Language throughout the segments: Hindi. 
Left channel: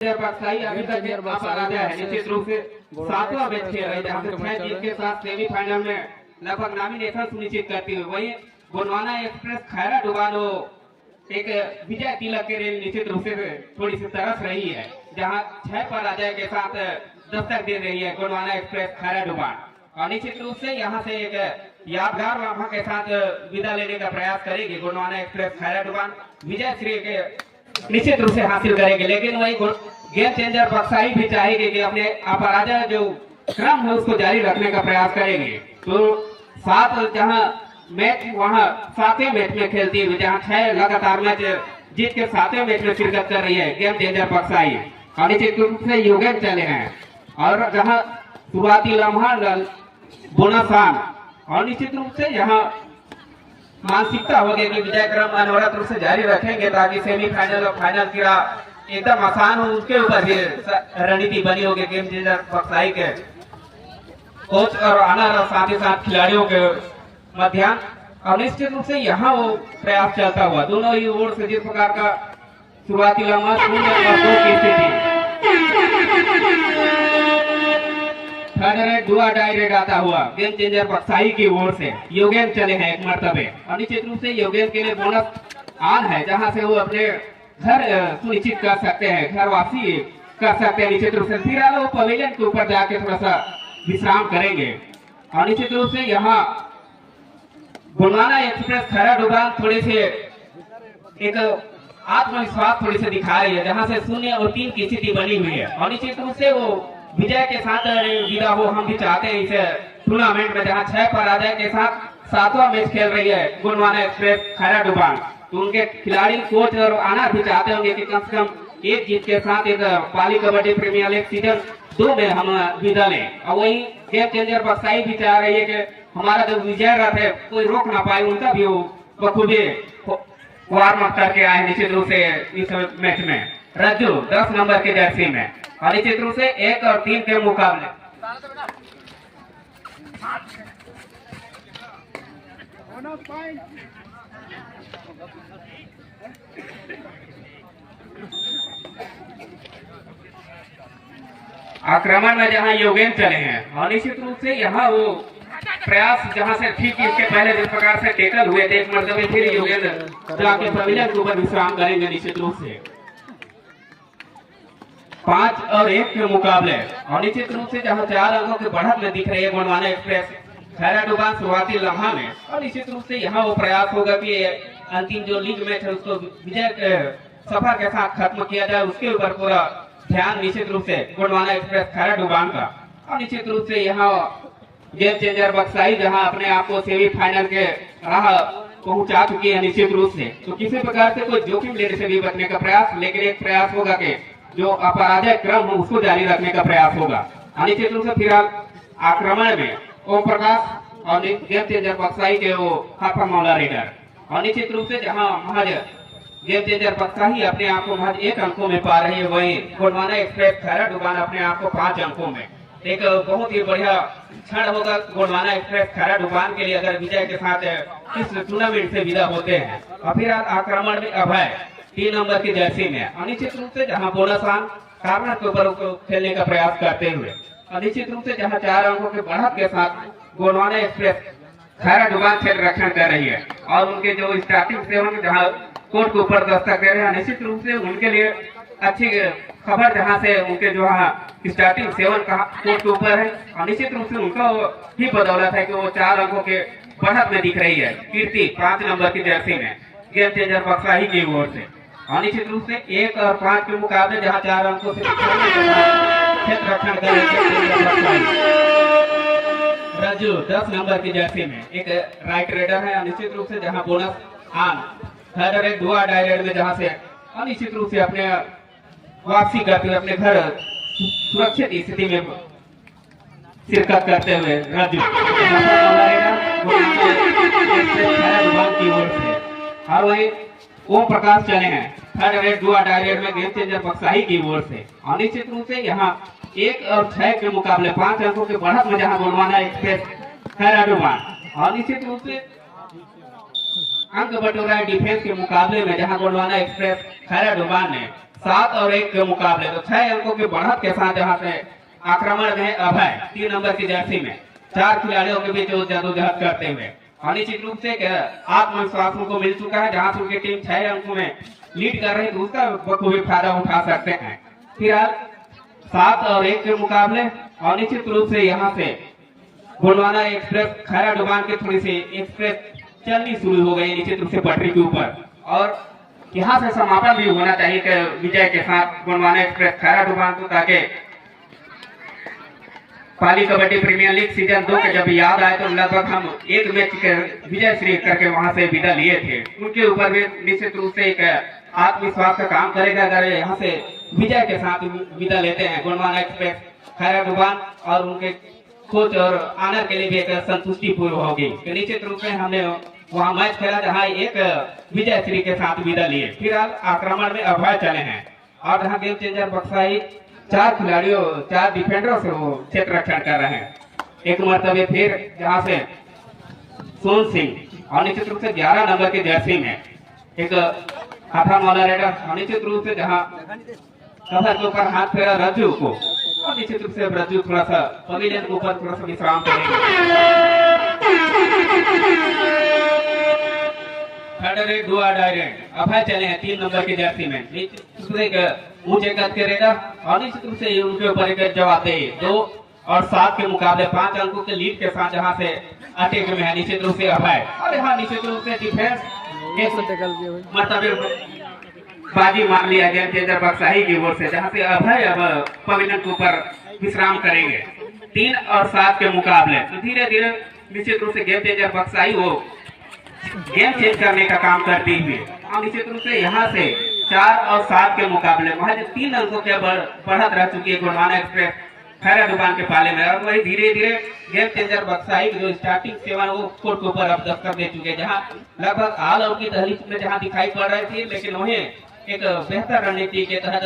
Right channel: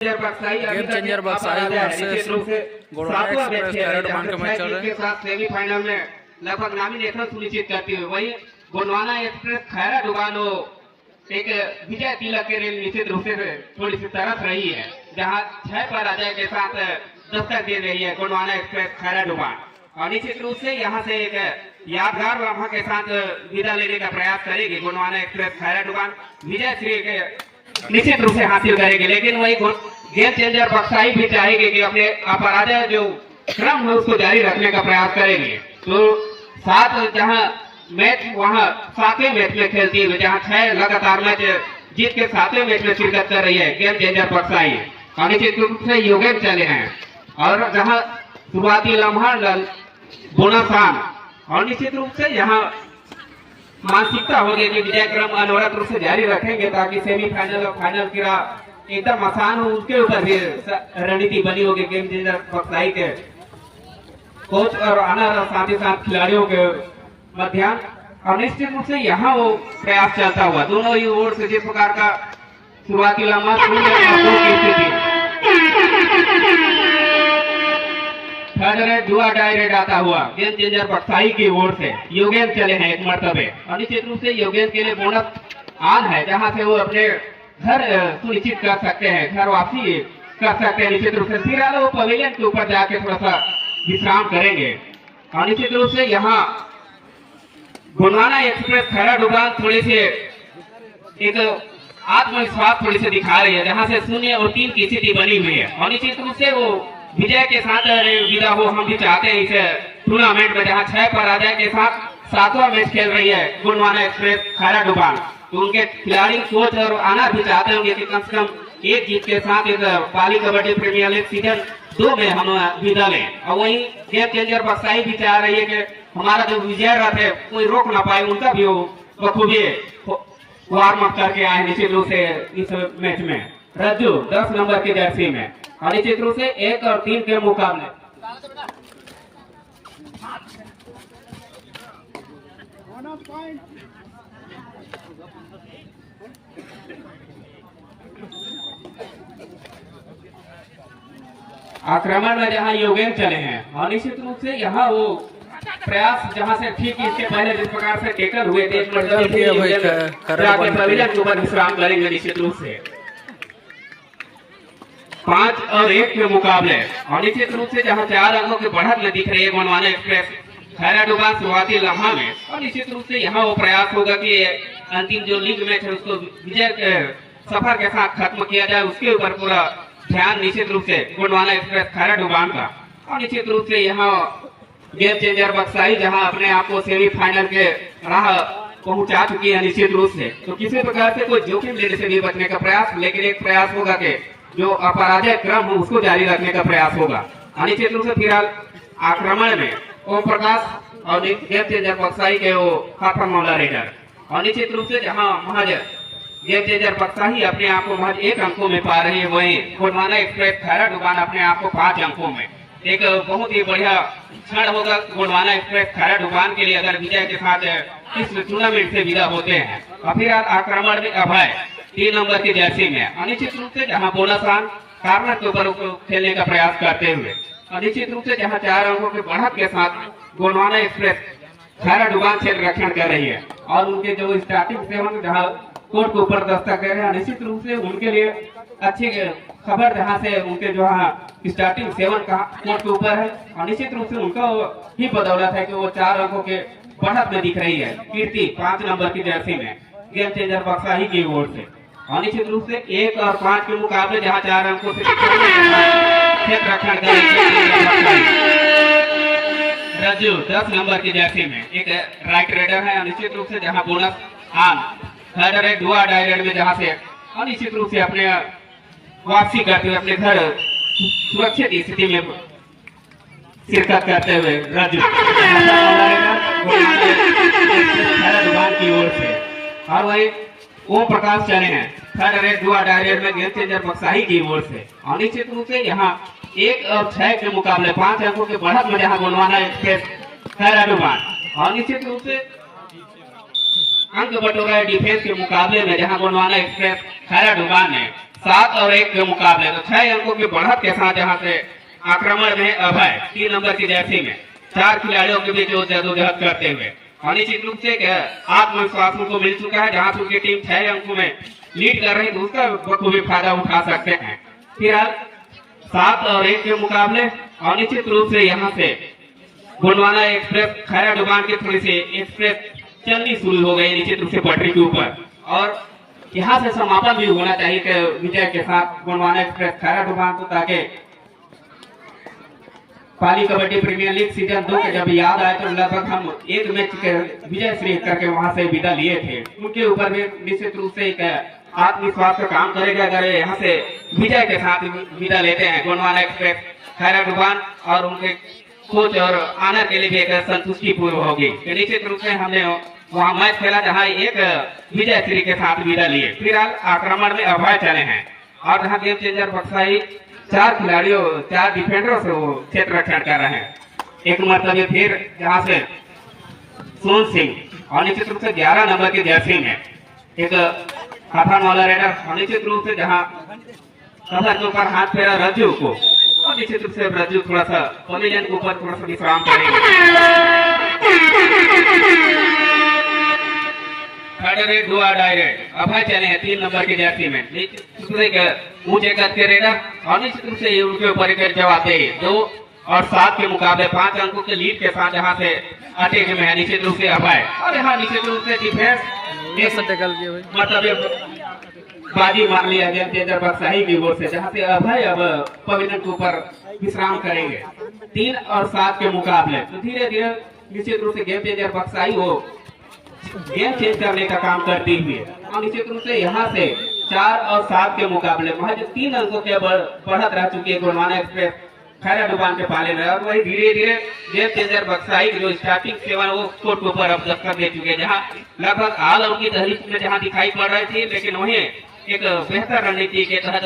Game changer Baksai versus Gondwana Express Khairadubhan का मैच चल रहा है। साथ सेमीफाइनल में लगभग नामिनेशन सुनिश्चित करती हुई वही गोंडवाना एक्सप्रेस खैराडुबान एक विजय तिलक के लिए निश्चित रूप से थोड़ी सी तरस रही है, जहां 6 पराजय के साथ दस्तक दे रही है गोंडवाना एक्सप्रेस खैराडुबान। और निश्चित रूप से यहां से एक यादगार लम्हा के साथ विदा लेने का प्रयास करेगी गोंडवाना एक्सप्रेस खैराडुबान, विजय श्री के निश्चित रूप से हासिल करेंगे। लेकिन वही गेम चेंजर बक्साई भी चाहेगी कि अपने अपराजय जो क्रम है उसको जारी रखने का प्रयास करेंगे। तो सात जहां मैच वहां 7वें मैच में खेलती हुई, जहां 6 लगातार मैच जीत के 7वें मैच में शिरकत कर रही है गेम चेंजर बक्साई। और निश्चित रूप से यो गेम चले हैं और जहां शुरुआती लम्हा बोनासान और निश्चित रूप से यहाँ मानसिकता हो गई कि विजय क्रम अनवरत रूप से जारी रखेंगे ताकि सेमीफाइनल और फाइनल की राह एकदम आसान हो। उसके ऊपर भी रणनीति बनी होगी गेम चेंजर बक्साई के कोच और ऑनर और साथ ही साथ खिलाड़ियों के मध्याह्न। और निश्चित रूप से यहाँ वो प्रयास चलता हुआ दोनों ही ओर से जिस प्रकार का शुरुआती लम्हा की स्थिति दुआ डायरेक्ट आता हुआ गेम चेंजर बक्साई की ओर से योगेन चले हैं एक मर्तबे। और निश्चित रूप से योगेन के लिए बोनस आन है, जहां से वो अपने घर सुनिश्चित कर सकते हैं, घर वापसी कर सकते हैं। निश्चित रूप से फिलहाल वो पवेलियन के ऊपर जाके थोड़ा सा विश्राम करेंगे। और निश्चित रूप से यहाँ गोंडवाना एक्सप्रेस खैराडुबान थोड़ी से एक आत्मविश्वास थोड़ी से दिखा रही है, जहां से 0 और 3 की स्थिति बनी हुई है। और निश्चित रूप से वो विजय के साथ विदा हो हम भी चाहते हैं इस टूर्नामेंट में, जहां 6 पराजय के साथ 7वां मैच खेल रही है गोंडवाना एक्सप्रेस खैराडुबान। तो उनके खिलाड़ी कोच और आना भी चाहते होंगे कि कम से कम एक जीत के साथ एक पाली कबड्डी प्रीमियर लीग सीजन 2 में हम विदा लें। और वही गेम चेंजर बक्साई भी चाह रही है कि हमारा जो विजय रथ है कोई रोक ना पाए, उनका भी वो बखूबी वार्म अप करके आए निश्चित रूप से इस मैच में। रज्जू 10 नंबर की जर्सी में और निश्चित रूप से 1 और 3 के मुकाबले आक्रमण में जहां योगेन चले हैं। और निश्चित रूप से यहाँ वो प्रयास जहां से ठीक इसके पहले जिस प्रकार से टेकल हुए थे, एक मतलब ऊपर विश्राम करेंगे निश्चित रूप से 5 और 1 के मुकाबले। और निश्चित रूप से जहां 4 अंकों की बढ़त में दिख रही है गोंडवाना एक्सप्रेस खैराडुबान शुरुआती लम्हा में। और निश्चित रूप से यहाँ वो प्रयास होगा कि अंतिम जो लीग मैच है उसको विजय के सफर के साथ खत्म किया जाए, उसके ऊपर पूरा ध्यान निश्चित रूप से गोंडवाना एक्सप्रेस खैराडुबान का। और निश्चित रूप से यहाँ गेम चेंजर बक्साई जहां अपने आप को सेमीफाइनल के राह पहुंचा चुकी है निश्चित रूप से, तो किसी प्रकार से कोई जोखिम लेने से भी बचने का प्रयास, लेकिन एक प्रयास होगा कि जो अपराजय क्रम हो उसको जारी रखने का प्रयास होगा। निश्चित रूप से फिलहाल आक्रमण में ओम प्रकाश और गेम चेंजर बक्साई के वो हाफा मौला रेडर। और निश्चित रूप से जहां महज गेम चेंजर बक्साई अपने आप को महज 1 अंकों में पा रहे हैं, वहीं गोंडवाना एक्सप्रेस खैराडुबान अपने आप को 5 अंकों में। एक बहुत ही बढ़िया क्षण होगा गोंडवाना एक्सप्रेस खैराडुबान के लिए अगर विजय के साथ इस टूर्नामेंट से विदा होते हैं। और फिलहाल आक्रमण में अभय 3 नंबर की जर्सी में। अनिश्चित रूप से जहां बोनासान कार्नर के ऊपर खेलने का प्रयास करते हुए, अनिश्चित रूप से जहां 4 अंकों के बढ़त के साथ गोंडवाना एक्सप्रेस खैराडुबान क्षेत्र रक्षण कर रही है। और उनके जो स्टार्टिंग सेवन जहां कोर्ट के ऊपर दस्तक दे रहे हैं, निश्चित रूप से उनके लिए अच्छी खबर जहां से उनके जो स्टार्टिंग 7 का कोर्ट के ऊपर है। और निश्चित रूप से उनका ही बदौलत है कि वो 4 अंकों के बढ़त में दिख रही है कीर्ति 5 नंबर की जर्सी में गेम चेंजर बक्साई की ओर से। और निश्चित रूप से 1 और 5 के मुकाबले जहां 4 अंकों से क्षेत्र रक्षण कर रज्जू 10 नंबर की जर्सी में एक राइट रेडर है। निश्चित रूप से जहां बोनस आन थर्ड दुआ डायरेक्ट में जहां से निश्चित रूप से अपने वापसी करते हुए अपने घर सुरक्षित स्थिति में शिरकत करते हुए रज्जू की ओर से। और वही ओम प्रकाश चले हैं थर्ड दुआ डायरेक्ट में गेम चेंजर बक्साई की ओर से। और निश्चित रूप से यहाँ 1 और 6 के मुकाबले 5 अंकों के बढ़त में जहां गोंडवाना एक्सप्रेस खैराडुबान। और निश्चित रूप से अंक बटोरा डिफेंस के मुकाबले में जहां गोंडवाना एक्सप्रेस खैराडुबान ने 7 और 1 के मुकाबले तो 6 अंकों की बढ़त के साथ जहां से आक्रमण में अभय 3 नंबर की जर्सी में 4 खिलाड़ियों के बीच जदोजहद करते हुए और निश्चित रूप से आत्मविश्वास उनको मिल चुका है। जहां से उनकी टीम 6 अंकों में लीड कर रही है तो उसका बखूबी फायदा उठा सकते हैं। फिलहाल 7 और 1 के मुकाबले और निश्चित रूप से यहाँ से गोंडवाना एक्सप्रेस खैरा डुबान की थोड़ी सी एक्सप्रेस चलनी शुरू हो गई निश्चित रूप से पटरी के ऊपर और यहाँ से समापन भी होना चाहिए कि विजय के साथ गोंडवाना एक्सप्रेस खैरा डुबान को, ताकि पाली कबड्डी प्रीमियर लीग सीजन 2 के जब याद आए तो लगभग हम एक मैच के विजय श्री करके वहां से विदा लिए थे। उनके ऊपर भी निश्चित रूप से एक आत्मविश्वास का काम करेगा अगर यहाँ से विजय के साथ विदा लेते हैं गोंडवाना एक्सप्रेस खैरा डुबान और उनके कोच और आनर के लिए भी एक संतुष्टि पूर्व होगी। तो निश्चित रूप से हमने वहाँ मैच खेला जहाँ एक विजय श्री के साथ विदा लिए। फिलहाल आक्रमण में अभय चले हैं और जहाँ गेम चेंजर बक्साई 4 खिलाड़ियों 4 डिफेंडरों से वो क्षेत्र रक्षण कर रहे हैं। एक मरतबे फिर जहाँ से सोन सिंह और निश्चित रूप से 11 नंबर की जर्सी में एक हाथा मौला रेडर और निश्चित रूप से जहाँ कमर के ऊपर हाथ फेरा रज्जू को और निश्चित रूप से रज्जू थोड़ा सा पॉलीजन के ऊपर थोड़ा सा विश्राम करेंगे। थर्ड रेड डुआ डायरेक्ट अभय चले हैं 3 नंबर की जर्सी में ऊंचे कद के रेडर और निश्चित रूप से उनके ऊपर एक जवाब दे 2 और 7 के मुकाबले 5 अंकों के लीड के साथ जहां से अटैक में है निश्चित रूप से अभय और यहाँ निश्चित रूप से डिफेंस मरतबे बाजी मान लिया गेम चेंजर बक्साही की ओर से, जहां से अभय अब पवेलियन के ऊपर विश्राम करेंगे 3 और 7 के मुकाबले। तो धीरे धीरे निश्चित रूप से गेम चेंजर बक्साही वो गेम चेंज करने का काम करती हुई और निश्चित रूप से यहाँ से 4 और 7 के मुकाबले महज 3 अंकों के बढ़त रह चुकी है गोंडवाना एक्सप्रेस खैरा डुबान के पाले में और वही धीरे धीरे गेम चेंजर बक्साई जो स्टार्टिंग सेवन वो कोर्ट के ऊपर अब दस्तक दे चुके हैं, जहाँ लगभग हाल उनकी दहलीज में जहाँ दिखाई पड़ रही थी, लेकिन वहीं एक बेहतर रणनीति के तहत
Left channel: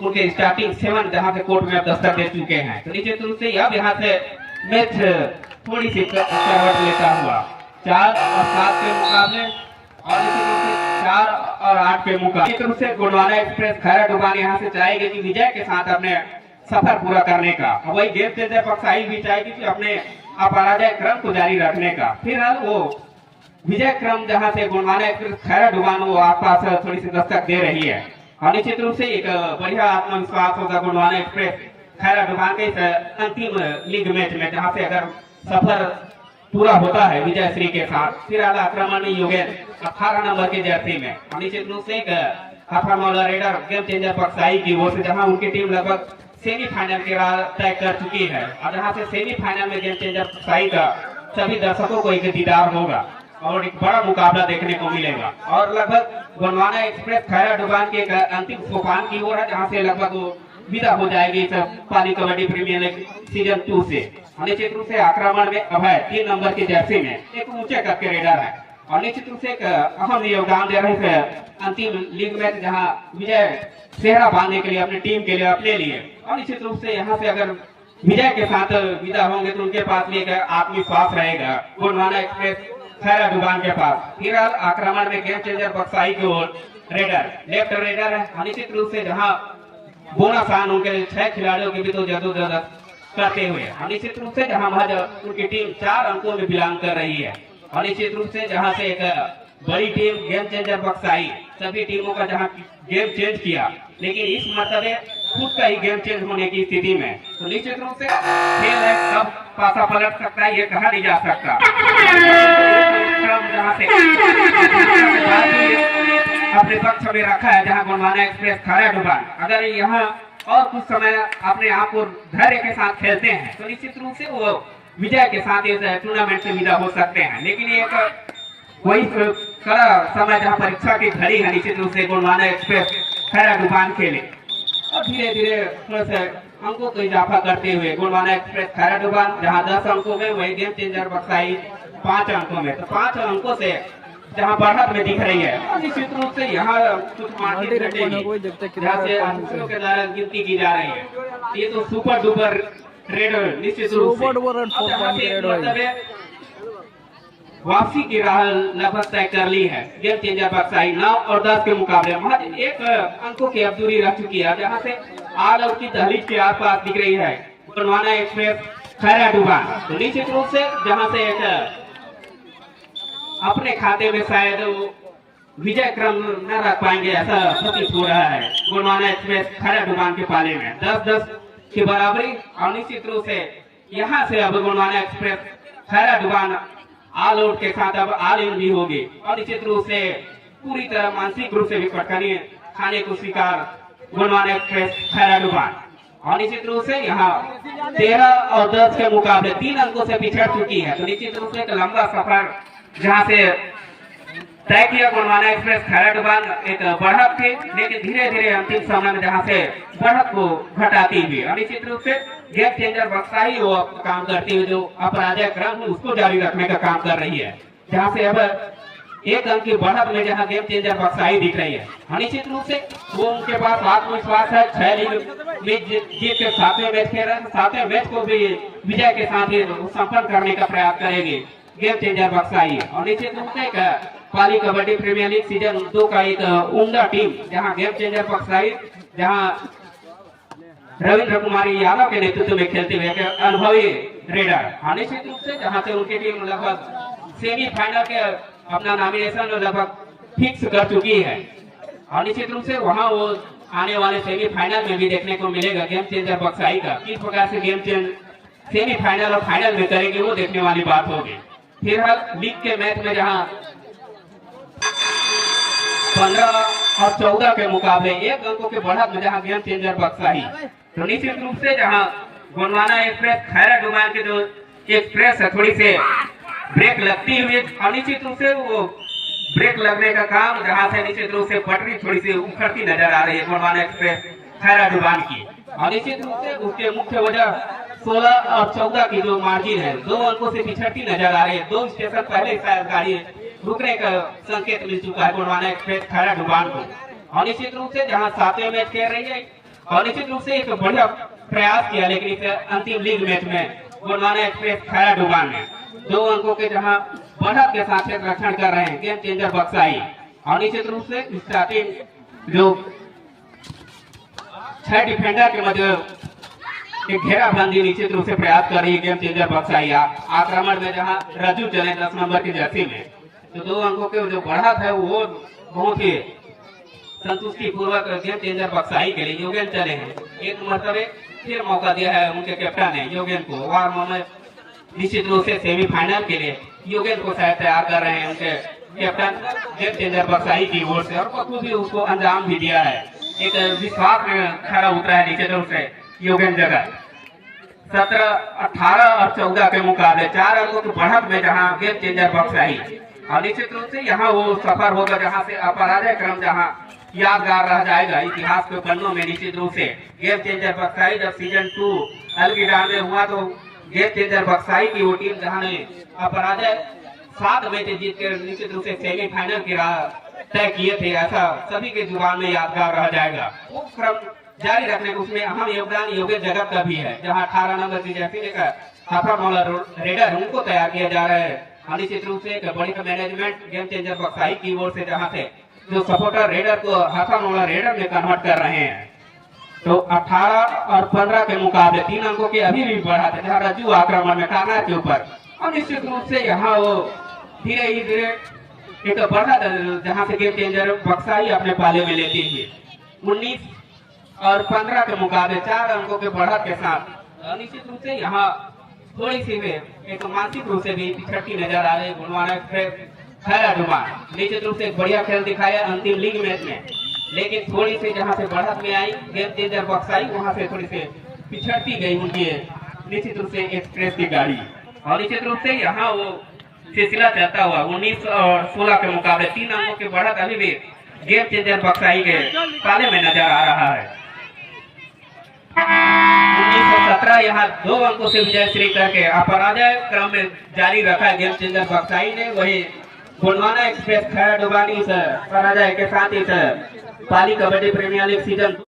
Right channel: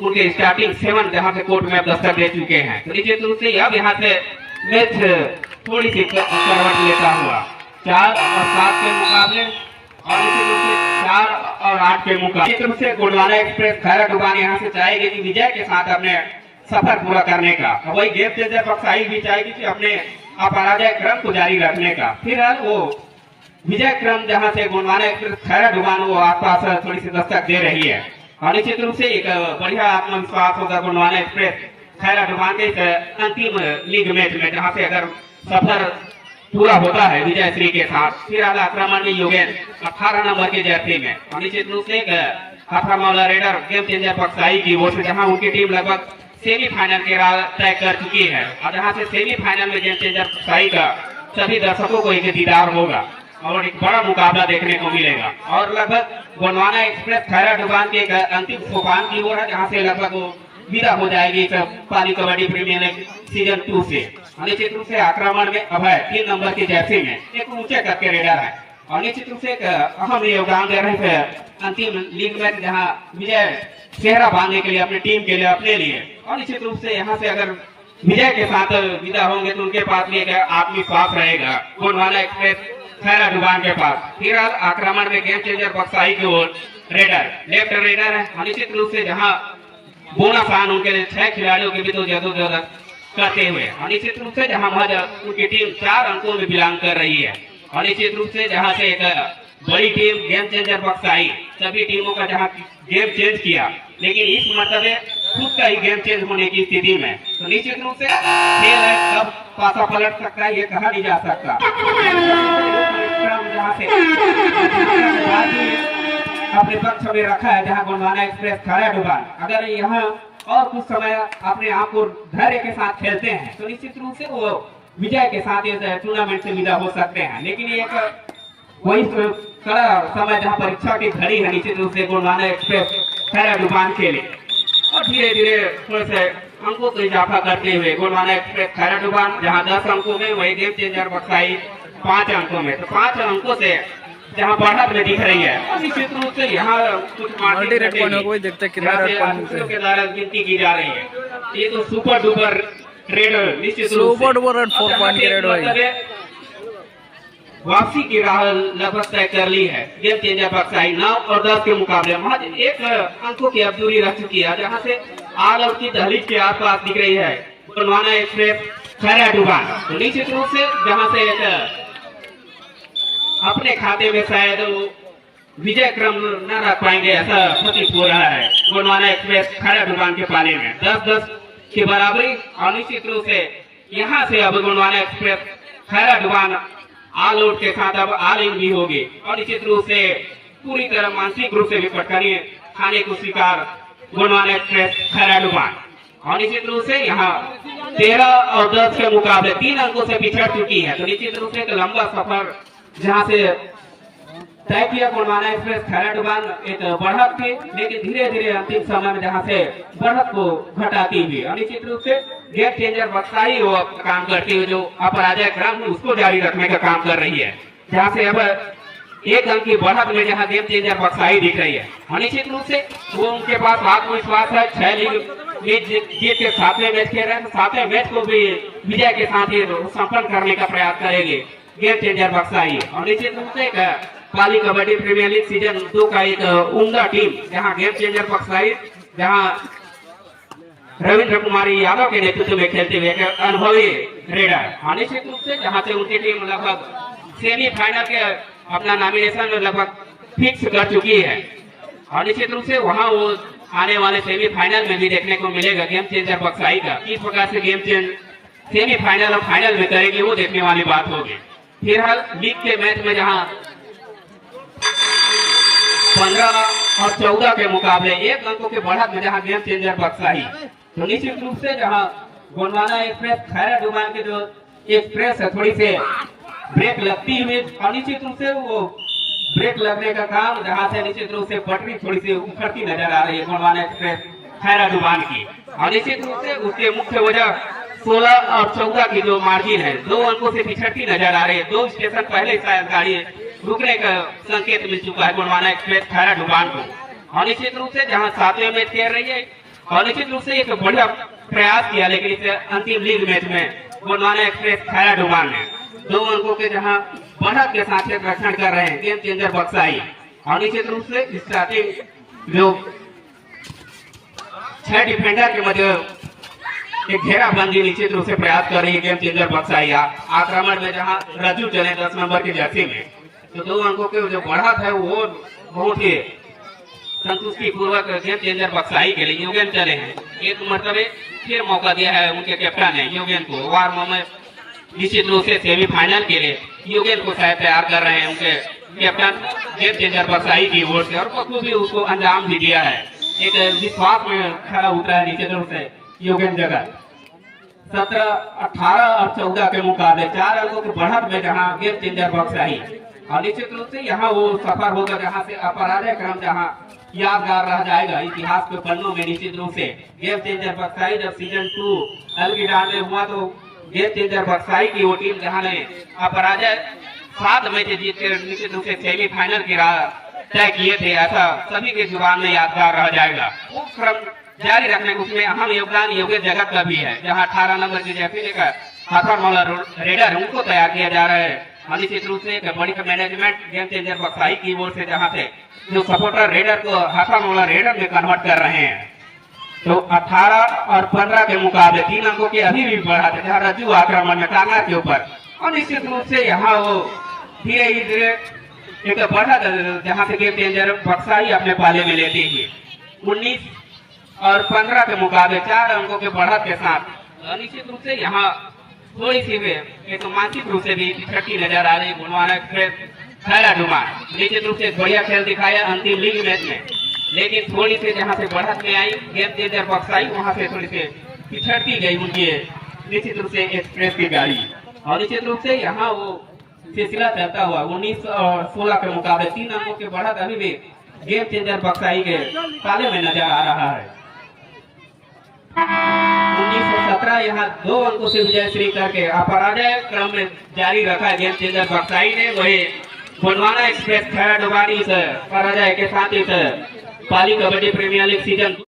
उनके स्टार्टिंग 7 जहाँ से कोर्ट में अब दस्तक दे चुके हैं। तो निश्चित रूप से अब यहाँ से मैच थोड़ी सी करवट लेता हुआ 4 और 7 के मुकाबले और निश्चित रूप से 4 और 8 के मुकाबले निश्चित रूप से गोंडवाना एक्सप्रेस खैरा डुबान यहाँ से चाहेगी कि विजय के साथ अपने सफर पूरा करने का और वही गेम चेंजर बक्साई भी चाहेगी कि अपने अपराजय क्रम को जारी रखने का। फिलहाल वो विजय क्रम जहां से गोंडवाना एक्सप्रेस खैरा डुबान वो आसपास थोड़ी सी दस्तक दे रही है और निश्चित रूप से एक बढ़िया आत्मविश्वास होगा गोंडवाना एक्सप्रेस खैरा डुबान के इस अंतिम लीग मैच में, जहां से अगर सफर पूरा होता है विजय श्री के साथ। फिलहाल आक्रमण में योगेन 18 नंबर के जर्सी में और निश्चित रूप से हाथा मौला रेडर गेम चेंजर बक्साई की ओर से, जहां उनकी टीम लगभग सेमीफाइनल की राह तय कर चुकी है और जहां से सेमीफाइनल में गेम चेंजर बक्साई का सभी दर्शकों को एक दीदार होगा और एक बड़ा मुकाबला देखने को मिलेगा और लगभग गोंडवाना एक्सप्रेस खैरा डुबान के एक अंतिम सोपान की ओर है, जहां से लगभग वो विदा हो जाएगी पाली कबड्डी प्रीमियर लीग सीजन 2 से। निश्चित रूप से आक्रमण में अभय 3 नंबर की जर्सी में एक ऊंचे कद के रेडर है और निश्चित रूप से एक अहम योगदान दे रहे थे अंतिम लीग में, जहां विजय चेहरा बांधने के लिए अपनी टीम के लिए अपने लिए और निश्चित रूप से यहाँ से अगर विजय के साथ विदा होंगे तो उनके पास भी एक आत्मविश्वास रहेगा गोंडवाना एक्सप्रेस खैरा डुबान के पास। फिलहाल आक्रमण में गेम चेंजर बक्साई की ओर रेडर लेफ्ट रेडर है निश्चित रूप से, जहाँ बोनस आन उनके 6 खिलाड़ियों के भी तो जदोजहद करते हुए और निश्चित रूप से जहाँ महज उनकी टीम 4 अंकों में बिलोंग कर रही है और निश्चित रूप से जहाँ से एक बड़ी टीम गेम चेंजर बक्साई सभी टीमों का जहाँ गेम चेंज किया, लेकिन इस मरतबे खुद का ही गेम चेंज होने की स्थिति में तो निश्चित रूप से खेल है कब पासा पलट सकता है ये कहा नहीं जा सकता। जहाँ से अपने पक्ष में रखा है जहाँ गोंडवाना एक्सप्रेस खैरा डुबान अगर यहाँ और कुछ समय अपने आप को धैर्य के साथ खेलते हैं तो निश्चित रूप से वो विजय के साथ इस टूर्नामेंट से विदा हो सकते हैं। लेकिन एक वही कड़ा समय जहाँ परीक्षा की घड़ी है निश्चित रूप से गोंडवाना एक्सप्रेस खैरा डुबान के लिए और धीरे धीरे थोड़े से अंकों को इजाफा करते हुए गोंडवाना एक्सप्रेस खैरा डुबान जहाँ 10 अंकों में वही गेम चेंजर बक्साई 5 अंकों में, तो 5 अंकों से जहाँ बढ़त में दिख रही है और निश्चित रूप से यहाँ कुछ गिनती की जा रही है। ये तो सुपर डुपर रेड निश्चित रूप से वापसी की राह लगभग तय कर ली है। गेम चेंजर बक्साई 9 और 10 के मुकाबले महज एक अंकों की अब दूरी रह चुकी है, जहां से आल आउट की दहलीज के आसपास दिख रही है गोंडवाना एक्सप्रेस खैरा डुबान। तो निश्चित रूप से जहां से एक अपने खाते में शायद विजय क्रम न रख पाएंगे ऐसा प्रतीत हो रहा है गोंडवाना एक्सप्रेस खैरा डुबान के पाले में 10-10 की बराबरी। और निश्चित रूप से यहाँ से अब Gondwana Express Khaira Duban all out के साथ अब ऑल इन भी होगी और निश्चित रूप से पूरी तरह मानसिक रूप से भी पटखनी खाने को स्वीकार गोंडवाना एक्सप्रेस खैरा डुबान। और निश्चित रूप से यहाँ 13 और 10 के मुकाबले 3 अंकों से पिछड़ चुकी है। तो निश्चित रूप से एक लंबा सफर जहाँ से तय किया गोंडवाना एक्सप्रेस खैरा डुबान एक बढ़त थी, लेकिन धीरे धीरे अंतिम समय में जहाँ से बढ़त को घटाती हुई और निश्चित रूप से गेम चेंजर बक्साई वो काम करती हुई जो अपराजय क्रम उसको जारी रखने का काम कर रही है, जहाँ से अब एक अंक की बढ़त में जहाँ गेम चेंजर बक्साई दिख रही है। और निश्चित रूप से वो उनके पास आत्मविश्वास है। 6 लीग जीत के 7वें मैच खेल रहे हैं, 7वें मैच को भी विजय के साथ ही संपन्न करने का प्रयास करेंगे गेम चेंजर बक्साई। और निश्चित रूप से पाली कबड्डी प्रीमियर लीग सीजन 2 का एक उम्दा टीम जहां गेम चेंजर बक्साई जहां रविंद्र कुमारी यादव के नेतृत्व में खेलते हुए एक अनुभवी रेडर। निश्चित रूप से जहां से उनकी टीम लगभग सेमीफाइनल के अपना नॉमिनेशन में लगभग फिक्स कर चुकी है और निश्चित रूप से वहां वो आने वाले सेमीफाइनल में भी देखने को मिलेगा गेम चेंजर बक्साई का किस प्रकार से गेम चेंज सेमीफाइनल और फाइनल में करेगी, वो देखने वाली बात होगी। फिलहाल लीग के मैच में जहां 15 और 14 के मुकाबले 1 अंकों के बढ़त में जहां गेम चेंजर बक्साई, तो निश्चित रूप से जहां गोंडवाना एक्सप्रेस खैरा डुबान के जो एक्सप्रेस है थोड़ी से ब्रेक लगती हुई और निश्चित रूप से वो ब्रेक लगने का काम जहां से निश्चित रूप से पटरी थोड़ी सी उखड़ती नजर आ रही है गोंडवाना एक्सप्रेस खैरा डुबान की। और निश्चित रूप से उसके मुख्य वजह 16 और 14 की जो मार्जिन है 2 अंकों से पिछड़ती नजर आ रही है। 2 स्टेशन पहले शायद गाड़ी रुकने का संकेत मिल चुका है गोंडवाना एक्सप्रेस खैरा डुबान को। और निश्चित रूप से जहां 7वें मैच खेल रही है और निश्चित रूप से एक बढ़िया प्रयास किया, लेकिन इस अंतिम लीग मैच में गोंडवाना एक्सप्रेस खैरा डुबान ने 2 अंकों के जहां बढ़त के साथ रक्षण कर रहे हैं गेम चेंजर बक्साई। और निश्चित रूप से स्टार्टिंग जो 6 डिफेंडर के मध्य एक घेराबंदी निश्चित रूप से प्रयास कर रही है गेम चेंजर बक्साई। आक्रमण में जहां रजू चले 10 नंबर की जर्सी में, तो 2 अंकों के जो बढ़त है वो बहुत ही संतुष्टि पूर्वक गेम चेंजर बक्साई के लिए योगेन चले हैं। एक मरतबे फिर मौका दिया है उनके कैप्टन ने योगेन को, वार में निश्चित रूप से सेमीफाइनल के लिए योगेन को शायद तैयार कर रहे हैं उनके कैप्टन गेम चेंजर बक्साई की ओर से, और बखूबी उसको अंजाम भी दिया है। एक विश्वास में खड़ा उतरा है निश्चित रूप से योगेन जगत। 17, 18 और 14 के मुकाबले 4 अंकों की बढ़त में जहां गेम चेंजर बक्साई, और निश्चित रूप से यहाँ वो सफर होगा जहां से अपराजय क्रम जहां यादगार रह जाएगा इतिहास के पन्नों में। निश्चित रूप से गेम चेंजर बक्साई जब सीजन 2 अलगिडार में हुआ तो गेम चेंजर बक्साई की वो टीम जहां ने अपराजय 7 मैच जीत कर निश्चित रूप से सेमीफाइनल की राह तय किए थे, ऐसा सभी के जुबान में यादगार रह जाएगा। वो क्रम जारी रखने में उसमें अहम योगदान योगेश जगत का भी है, जहां 18 नंबर की जर्सी लेकर हाथरमौला रेडर उनको तैयार किया जा रहा है। और निश्चित रूप से एक बड़ी मैनेजमेंट गेम चेंजर बक्साई की ओर से जहां से जो सपोर्टर रेडर को हाथरमौला रेडर में कन्वर्ट कर रहे हैं। तो 18 और 15 के मुकाबले 3 अंकों के अभी भी बढ़ा था जहाँ रज्जू आक्रमण में काना के ऊपर, और निश्चित रूप से यहाँ वो धीरे धीरे एक बढ़ा जहाँ से गेम चेंजर बक्साई अपने पाले में लेती है। 19 और 15 के मुकाबले 4 अंकों के बढ़त के साथ निश्चित रूप से यहाँ थोड़ी सी भी एक मानसिक रूप से भी पिछड़ती नजर आ रही गोंडवाना एक्सप्रेस खैरा डुबान। निश्चित रूप से एक बढ़िया खेल दिखाया अंतिम लीग मैच में, लेकिन थोड़ी सी जहां से बढ़त में आई गेम चेंजर बक्साई वहां से थोड़ी सी पिछड़ती गई उनकी निश्चित रूप से एक्सप्रेस की गाड़ी। और निश्चित रूप से यहाँ वो सिलसिला चलता हुआ 19 और 16 के मुकाबले 3 अंकों के बढ़त अभी भी गेम चेंजर बक्साई के पाले में नजर आ रहा है। 1917 यहाँ 2 अंकों से विजय श्री करके अपराजय क्रम में जारी रखा है गेम चेंजर बक्साई ने। वही गोंडवाना एक्सप्रेस खैरा डुबान इस पराजय के साथ इस पाली कबड्डी प्रीमियर लीग सीजन